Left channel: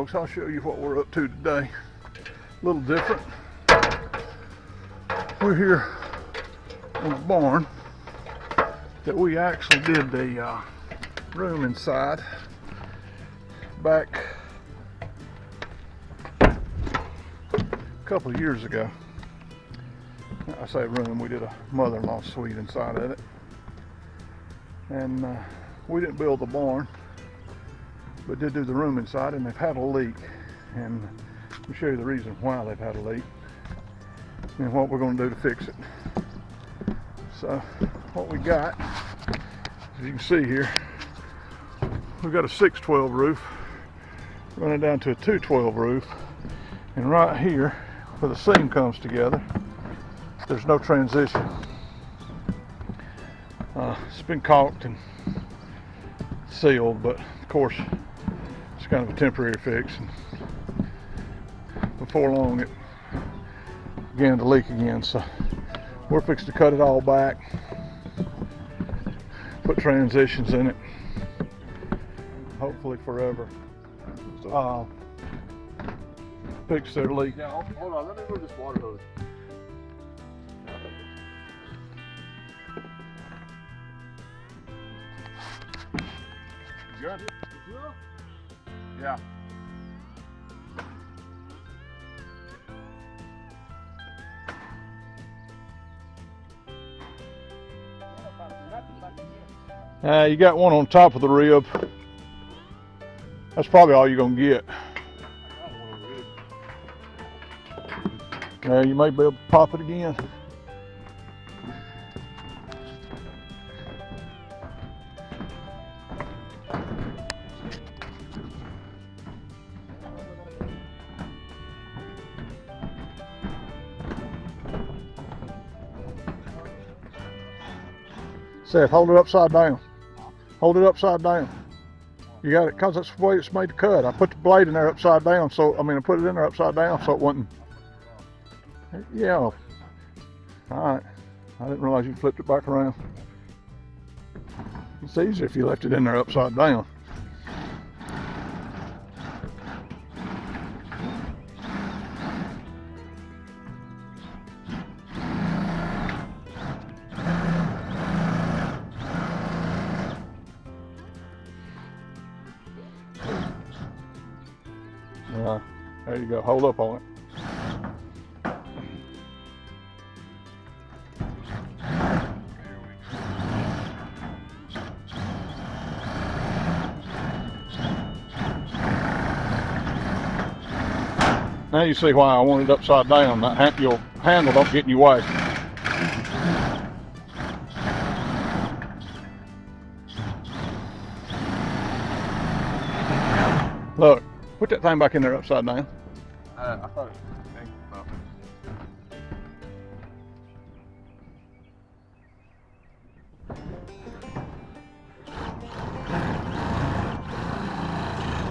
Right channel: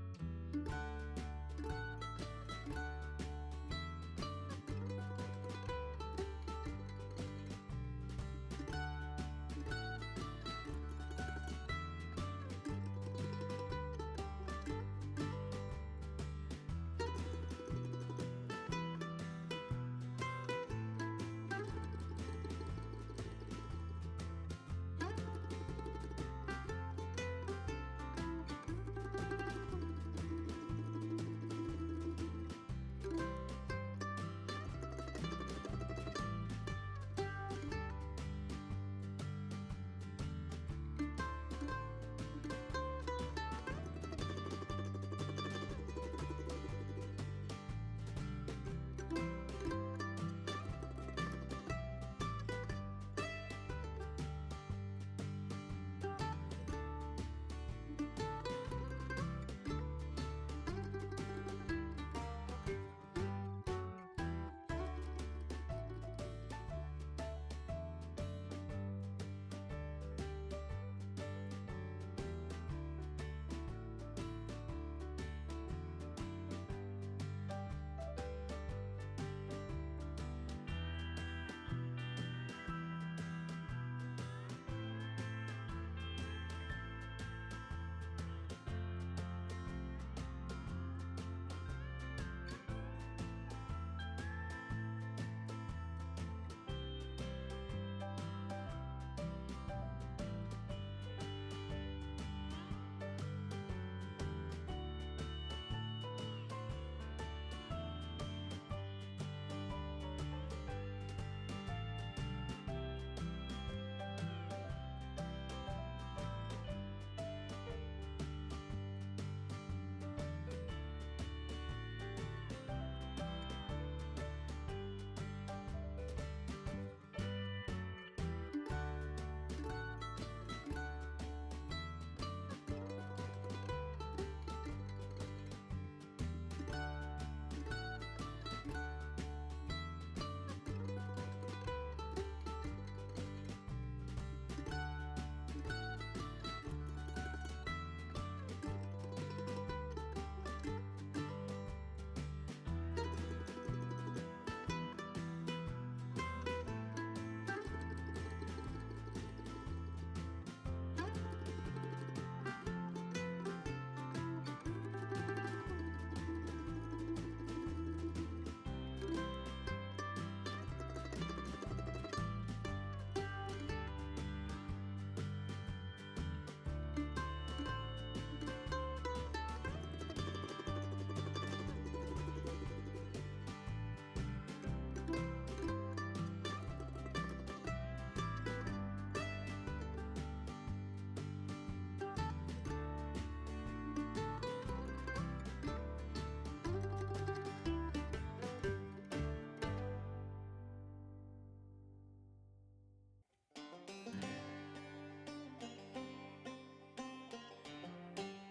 folks, I'll show you what we're up to today. A little different. We're here on a barn that we actually did the room inside back a couple of years ago. I say room, we did a mother-in-law suite inside of it. And we didn't build the barn, but did do the room inside, and they've had a leak. And I'll show you the reason why they've had a leak and what we're going to do to fix it. So what we got, as you can see here, we've got a 612 roof running down to a 212 roof, and right here where the seam comes together, there's no transition. It's been caulked and sealed, but of course it's kind of a temporary fix. And before long it began to leak again, so we're fixing to cut it all back, put transitions in it, hopefully forever. Fix their leak. Now, hold on, let me move this water hose. Good? Yeah. You got one on top of the rib. That's probably all you're gonna get. You may be able to pop it again. Seth, hold it upside down. Hold it upside down. You got it, because that's the way it's made to cut. I put the blade in there upside down, so I put it in there upside down so it wouldn't. Yeah. All right. I didn't realize you flipped it back around. It's easier if you left it in there upside down. There you go. Hold up on it. Now you see why I want it upside down. That your handle don't get in your way. Look, put that thing back in there upside down. I thought it was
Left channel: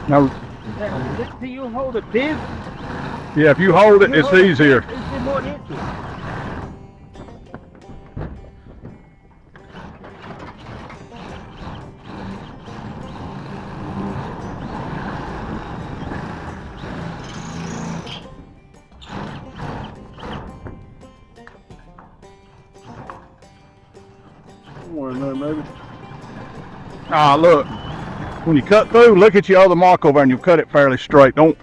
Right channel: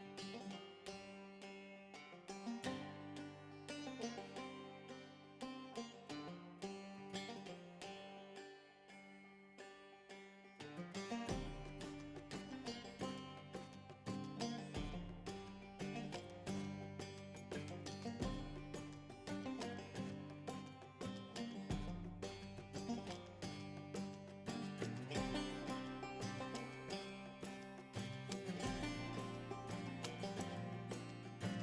Now, Do you hold it big? yeah, if you hold it, it's easier. It's more into it. more in there, maybe. Ah, look. When you cut through, look at your other mark over there and you cut it fairly straight. Don't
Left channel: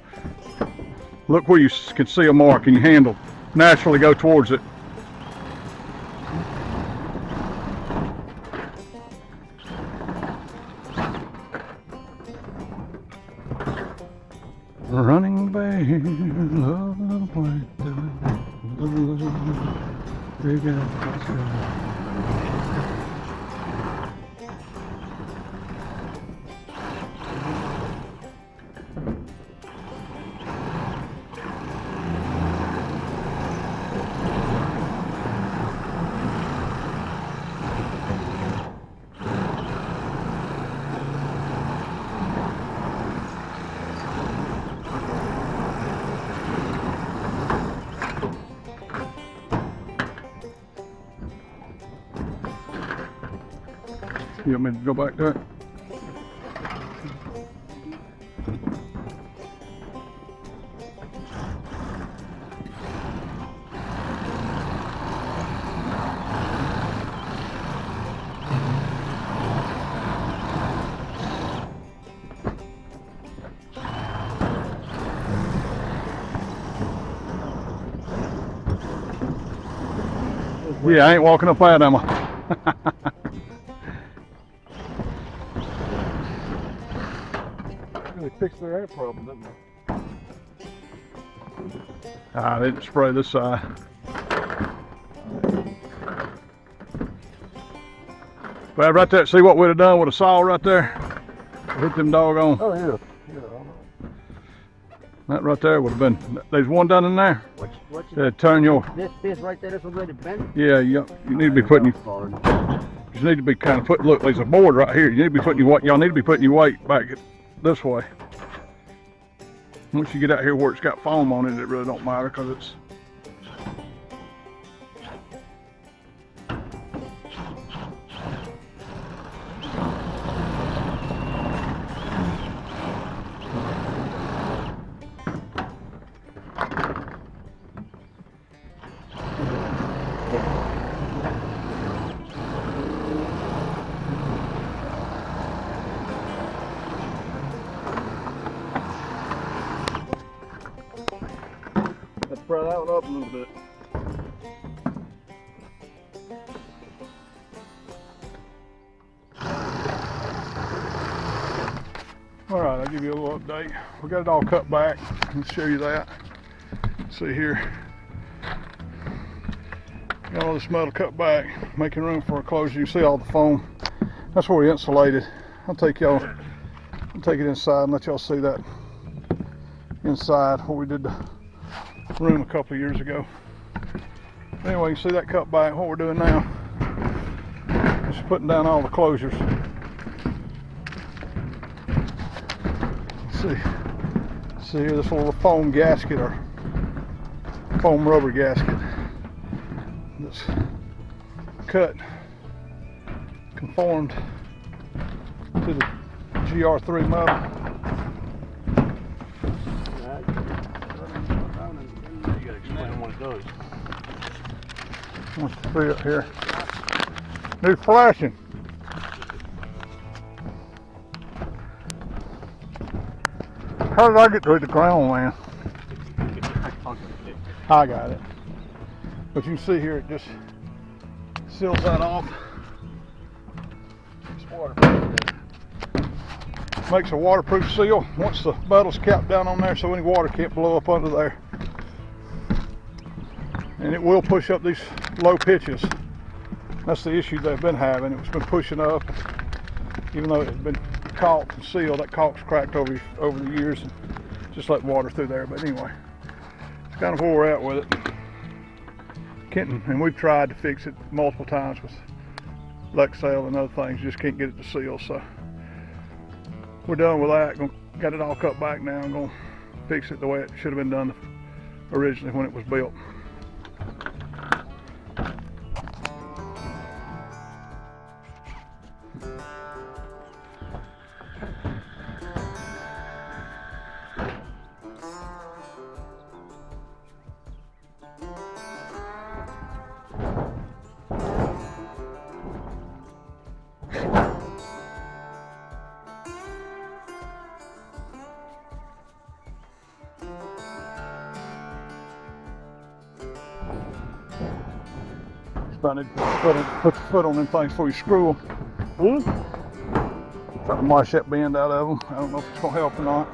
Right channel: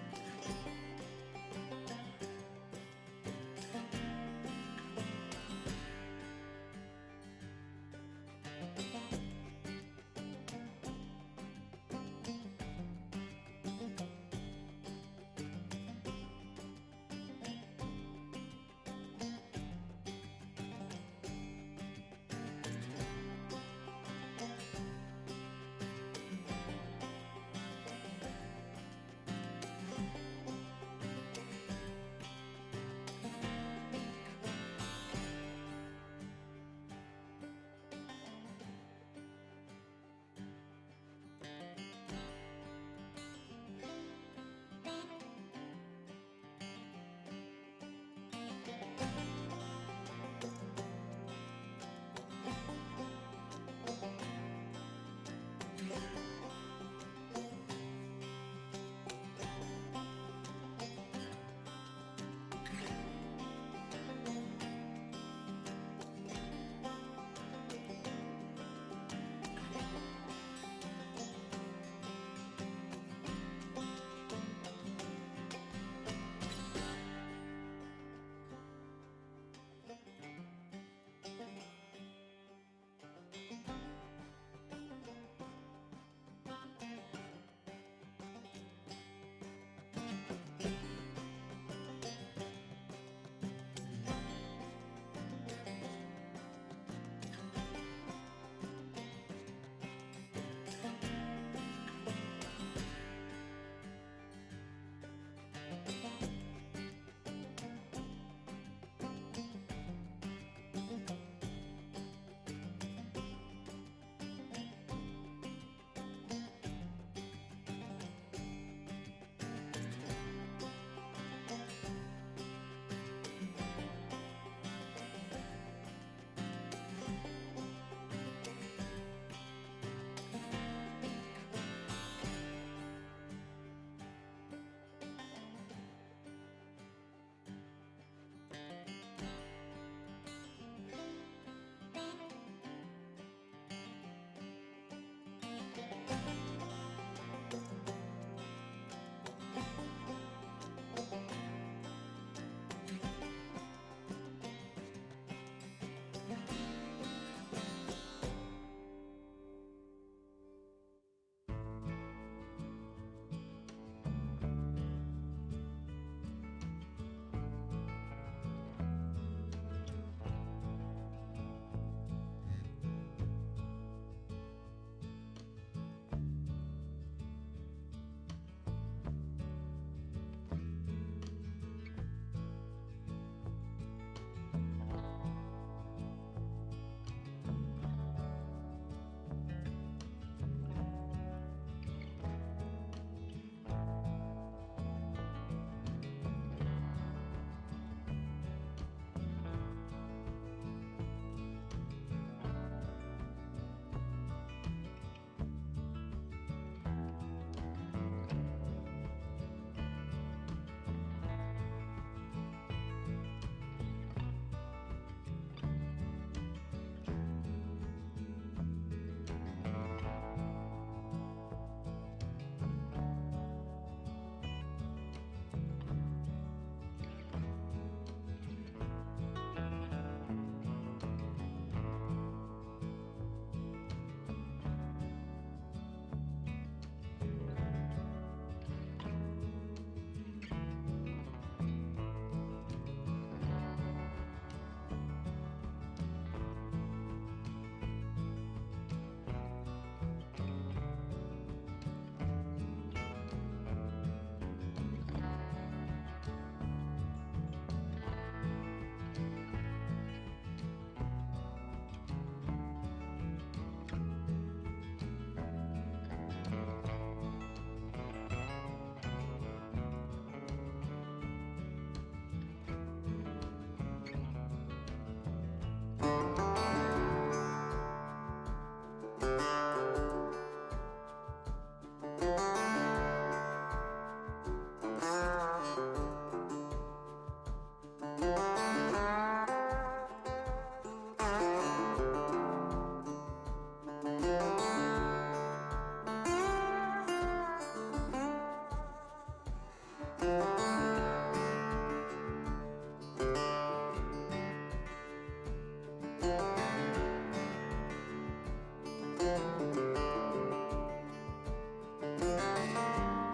look where you can see a mark and your handle naturally go towards it. Running back, love You want me to go back there? Yeah, I ain't walking up that, am I? Really fixed their air problem, didn't they? I didn't spray this side. But right there, see what we'd have done with a saw right there? Hit them doggone. Oh, yeah. That right there would have been, there's one down in there. What's Turn your, this right there, this already bent? yeah, you need to be putting, you need to be kind of putting, look, there's a board right here. You need to be putting your weight, y'all need to be putting your weight back this way. Once you get out here where it's got foam on it, it really don't matter because it's, Let's spread that one up a little bit. all right, I'll give you a little update. We got it all cut back. Let's show you that. See here. Got all this metal cut back, making room for a closure. You see all the foam. That's where we insulated. I'll take it inside and let y'all see that inside where we did the room a couple of years ago. Anyway, you see that cut back. What we're doing now is putting down all the closures. See here, this little foam gasket or foam rubber gasket that's cut, conformed to the GR3 metal. You gotta explain what it does. What's the see up here? New flashing. How did I get to the ground, man? I got it. But you can see here, it just seals that off. It's waterproof. Makes a waterproof seal once the metal's capped down on there so any water can't blow up under there. And it will push up these low pitches. That's the issue they've been having. It's been pushing up, even though it had been caulked and sealed. That caulk's cracked over the years and just let water through there. But anyway, it's kind of where we're at with it. Kenton, and we've tried to fix it multiple times with Lexel and other things, just can't get it to seal. So we're done with that. Got it all cut back now. I'm gonna fix it the way it should have been done originally when it was built. Put the foot on them things before you screw them. Try to mash that bend out of them. I don't know if it's gonna help or not.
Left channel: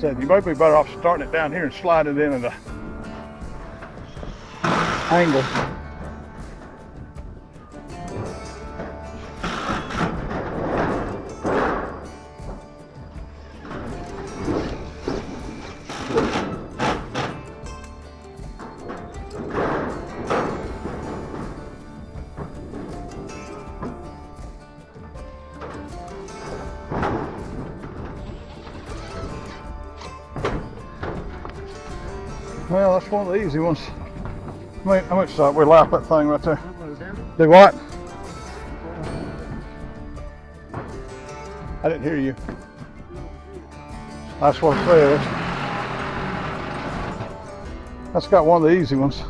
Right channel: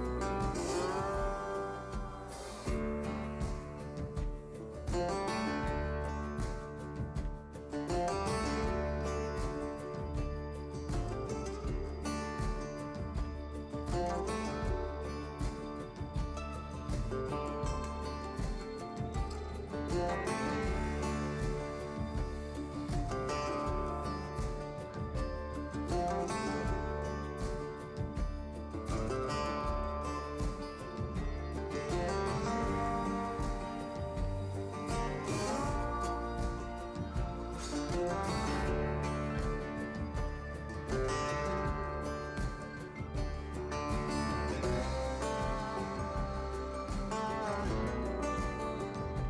Said you might be better off starting it down here and sliding it in at an angle. Well, that's one of the easy ones. How much we lap that thing right there? Do what? I didn't hear you. That's what I said. That's got one of the easy ones.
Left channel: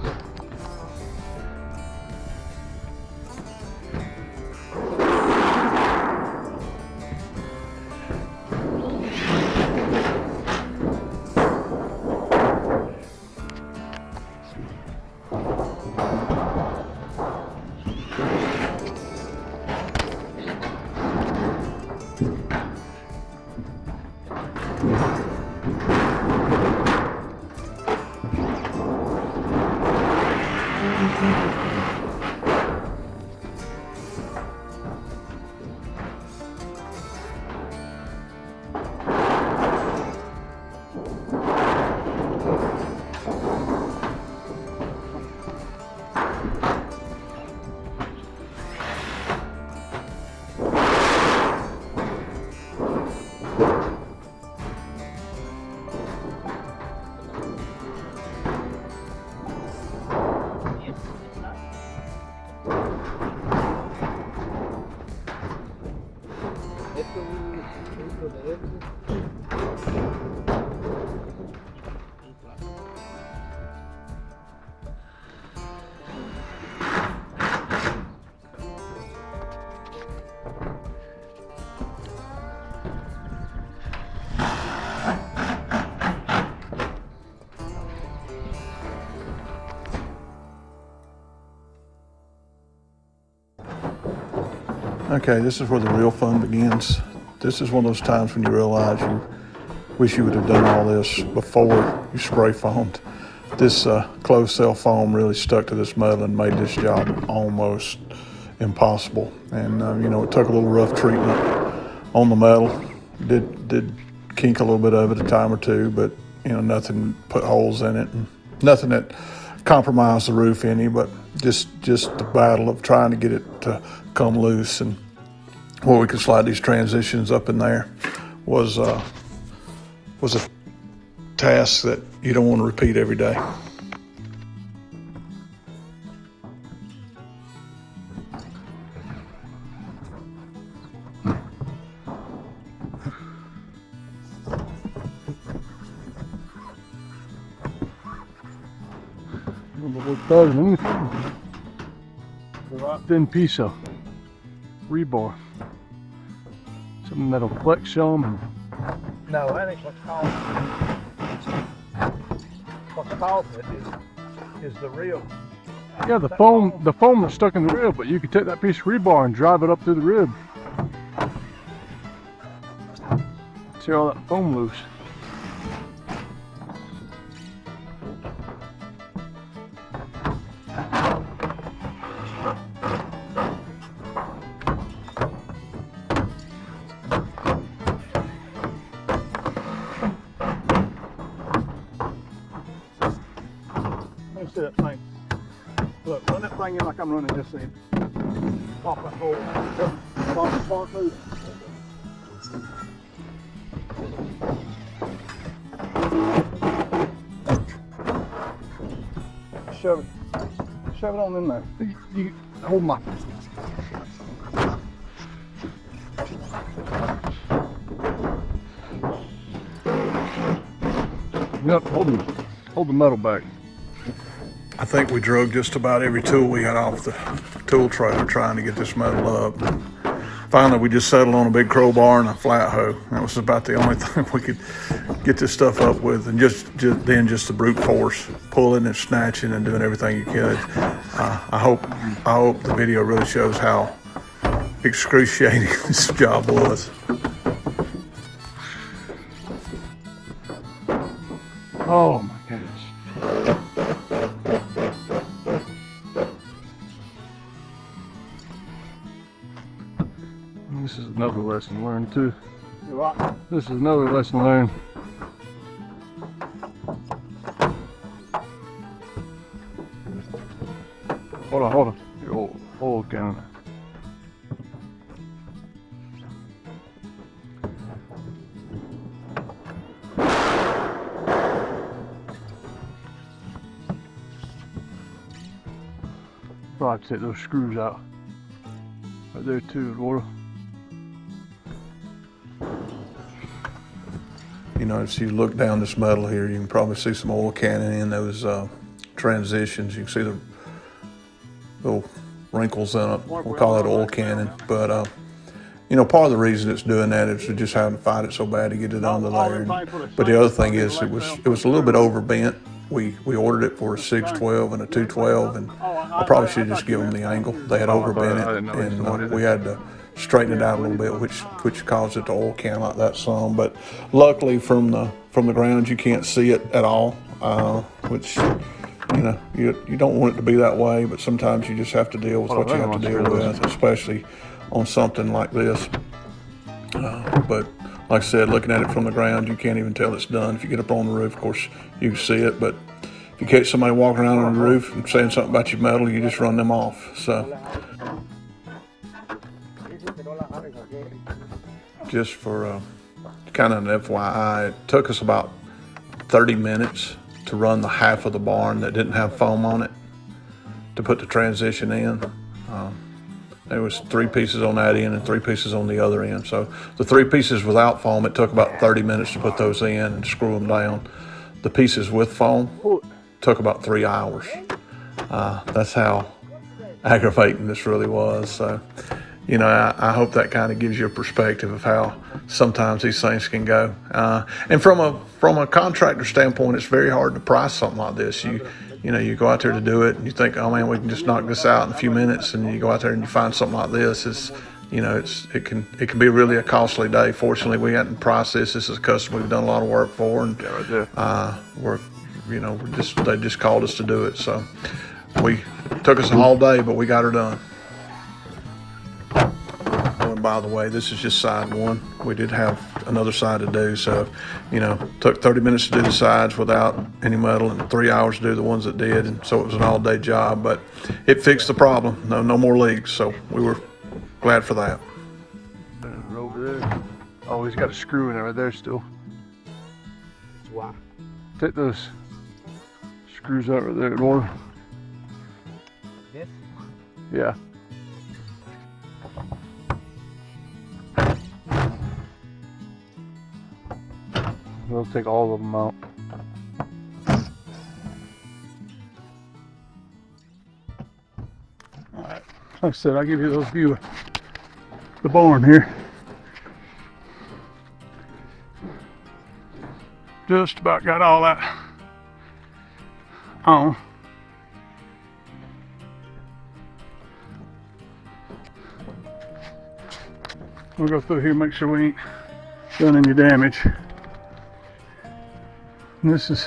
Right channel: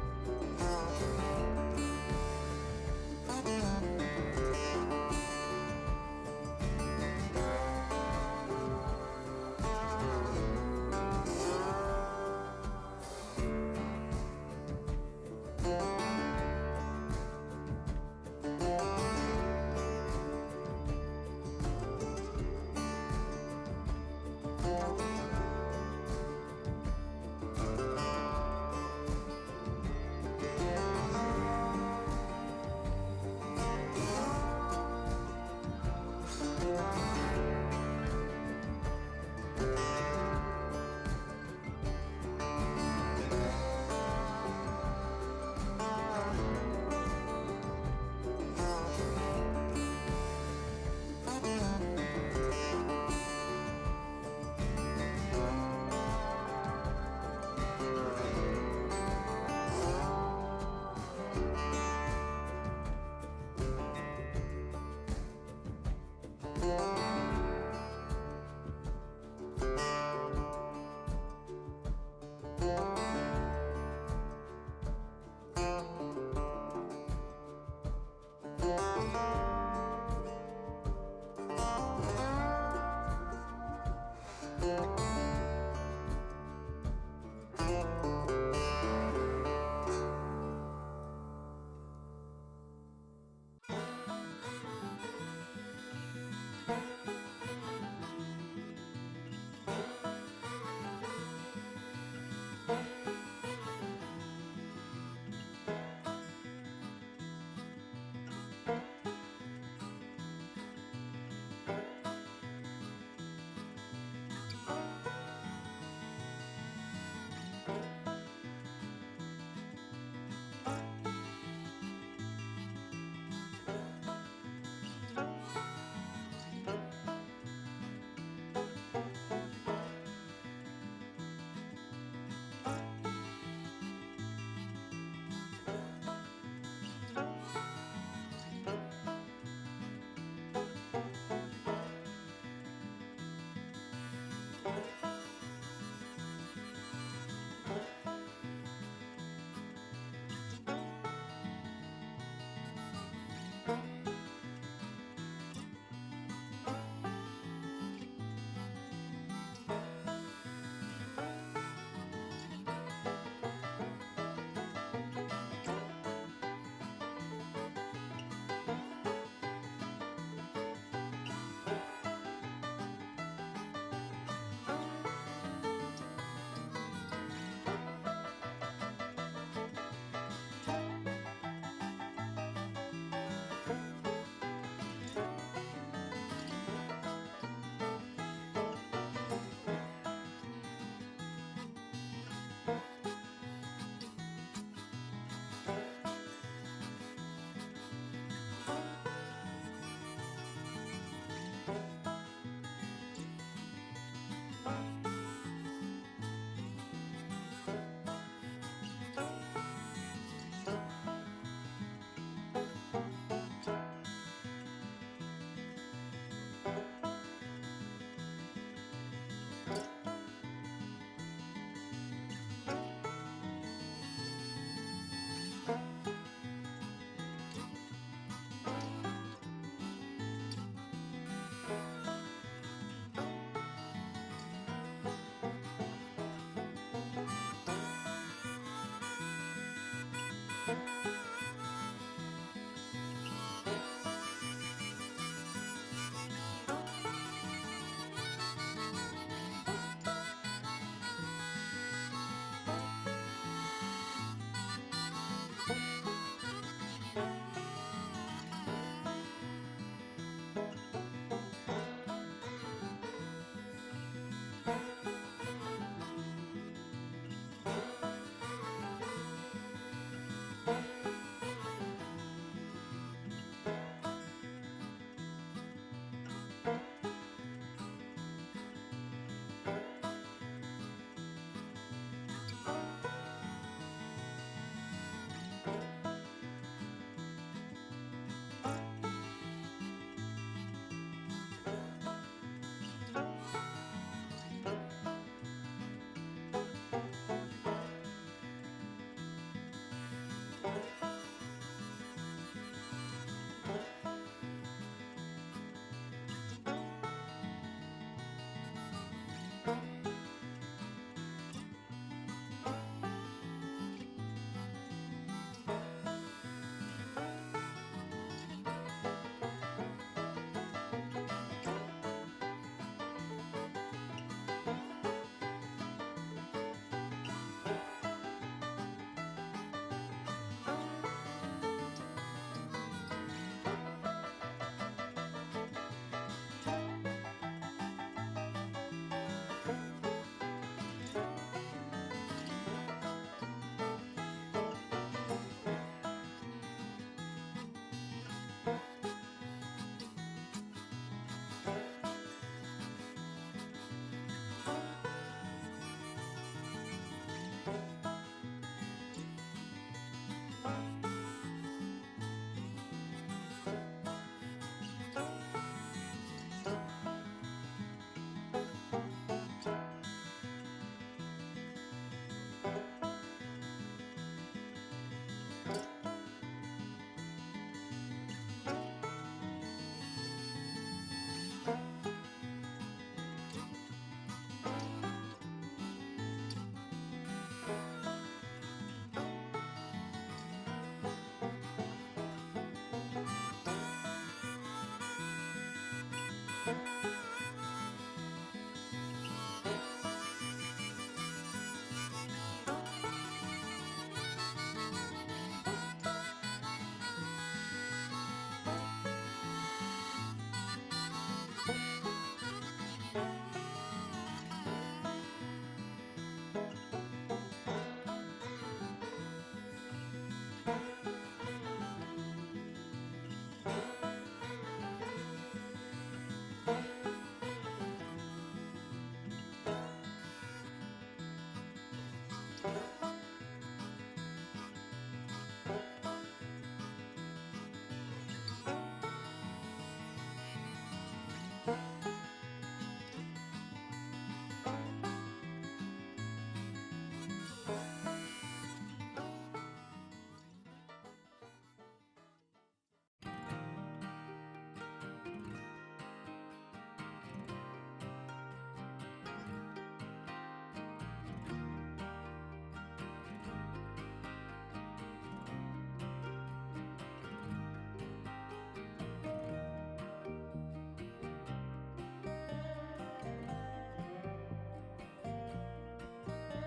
Okay, this is where the real fun begins. This is one of those times when you realize you wish you would have done all this before you spray foamed. This closed cell foam really stuck to this metal and made this job almost impossible. And you know, it took a little rough treatment on the metal. Did kink a little bit of it a time or two, but you know, nothing put holes in it, and nothing that compromised the roof any, but just the battle of trying to get it to come loose and where we could slide these transitions up in there was a task that you don't want to repeat every day. Thin piece of rebar. Some metal flex on. No, that ain't what's called. What's called is the rib. Yeah, the foam that's stuck in the rib, but you can take that piece of rebar and drive it up through the rib. See all that foam loose. That thing. Look, run that thing in like I'm running this thing. Pop that hole. Pop the spark loose. Shove it on in there. You hold my. Yep, hold the metal back. I think we drug just about every tool we had off the tool trailer trying to get this metal up. Finally, we just settled on a big crowbar and a flat hoe. That was about the only thing we could get this stuff up with, and just the brute force, pulling and snatching and doing everything you could. I hope the video really shows how excruciating this job was. Oh my goodness. This is another lesson learned too. This is another lesson learned. Hold on. Your oil gun. So I have to take those screws out. Right there too, Laura. You know, as you look down this metal here, you can probably see some oil canning in those transitions. You can see the little wrinkles in it. We'll call it oil canning. But, you know, part of the reason it's doing that is we just haven't fight it so bad to get it under there. But the other thing is it was a little bit overbent. We ordered it for a 612 and a 212, and I probably should have just given them the angle. They had overbent it, and we had to straighten it out a little bit, which caused it to oil can like that some. But luckily from the ground you can't see it at all, which, you know, you don't want it to be that way, but sometimes you just have to deal with what you have to deal with, especially on something like this. But like I said, looking at it from the ground, you can't even tell it's done. If you get up on the roof, of course, you can see it, but if you catch somebody walking around on the roof and saying something about your metal, you just run them off. So just for kind of an FYI, it took us about 30 minutes to run the half of the barn that didn't have foam on it to put the transition in. There was 3 pieces on that end and 3 pieces on the other end. So the 3 pieces without foam, it took about 30 minutes to put those in and screw them down. The pieces with foam took about 3 hours. That's how aggravating this really was. So, you know, I hope that kind of gives you a perspective of how sometimes these things can go. And from a contractor standpoint, it's very hard to price something like this. You know, you go out there to do it and you think, oh man, we can just knock this out in a few minutes, and you go out there and you find something like this. It can be really a costly day. Fortunately, we hadn't priced this. This is a customer we've done a lot of work for, and they just called us to do it. So it took us a whole day, but we got her done. Oh, and by the way, this is just side one. We did have another side to do, so, you know, took 30 minutes to do the sides without any metal and 3 hours to do the ones that did, and so it was an all-day job, but it fixed the problem. No more leaks, so we were glad for that. And over there, oh, he's got a screw in it right there still. Wow. Take those screws out right there, Laura. This? Yeah. We'll take all of them out. Alright, like I said, I'll give you those view of the barn here. Just about got all that on. We'll go through here, make sure we ain't done any damage. And this is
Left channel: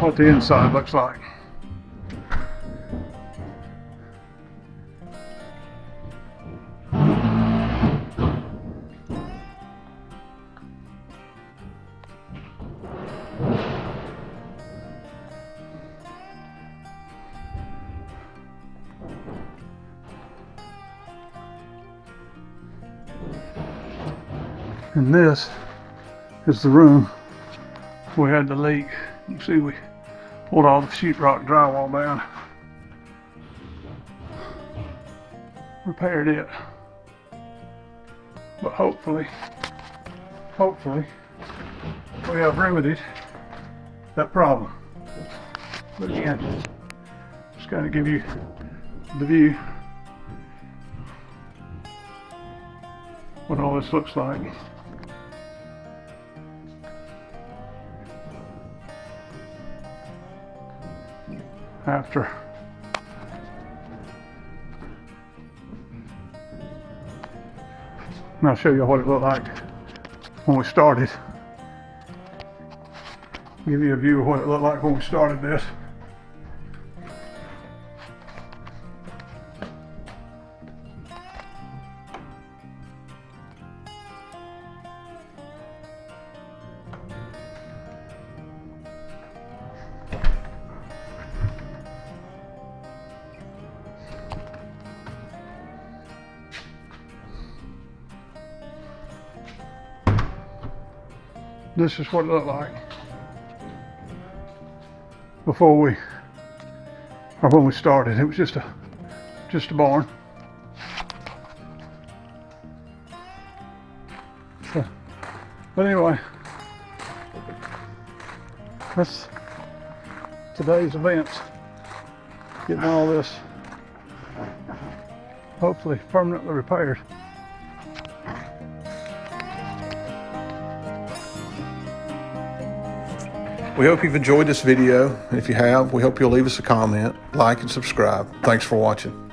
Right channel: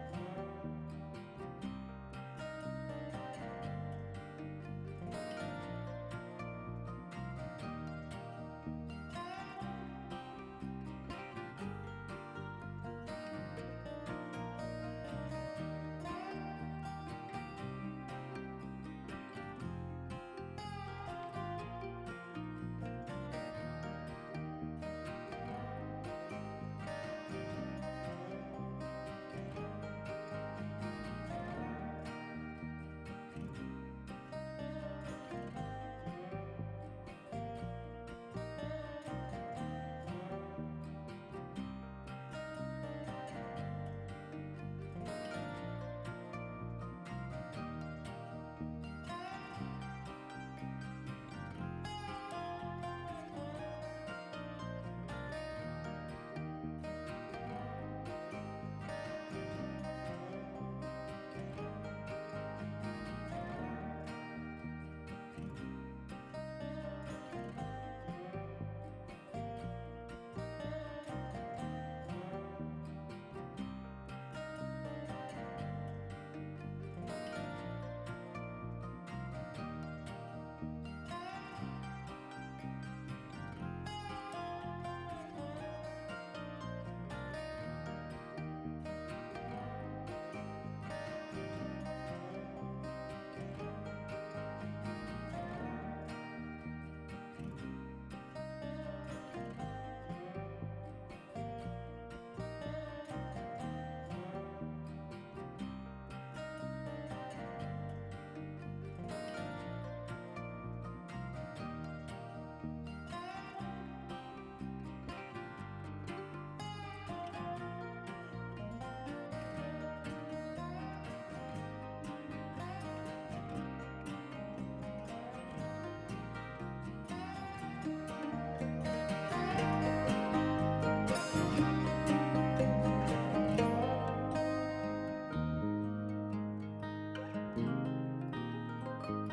what the inside looks like. And this is the room we had the leak. You see, we pulled all the sheetrock drywall down, repaired it, but hopefully we have remedied that problem. But again, just gotta give you the view what all this looks like. After and I'll show you what it looked like when we started. Give you a view of what it looked like when we started this. This is what it looked like before when we started. It was just a just a barn. So, but anyway, that's today's events. Getting all this hopefully permanently repaired. We hope you've enjoyed this video. And if you have, we hope you'll leave us a comment, like, and subscribe. Thanks for watching.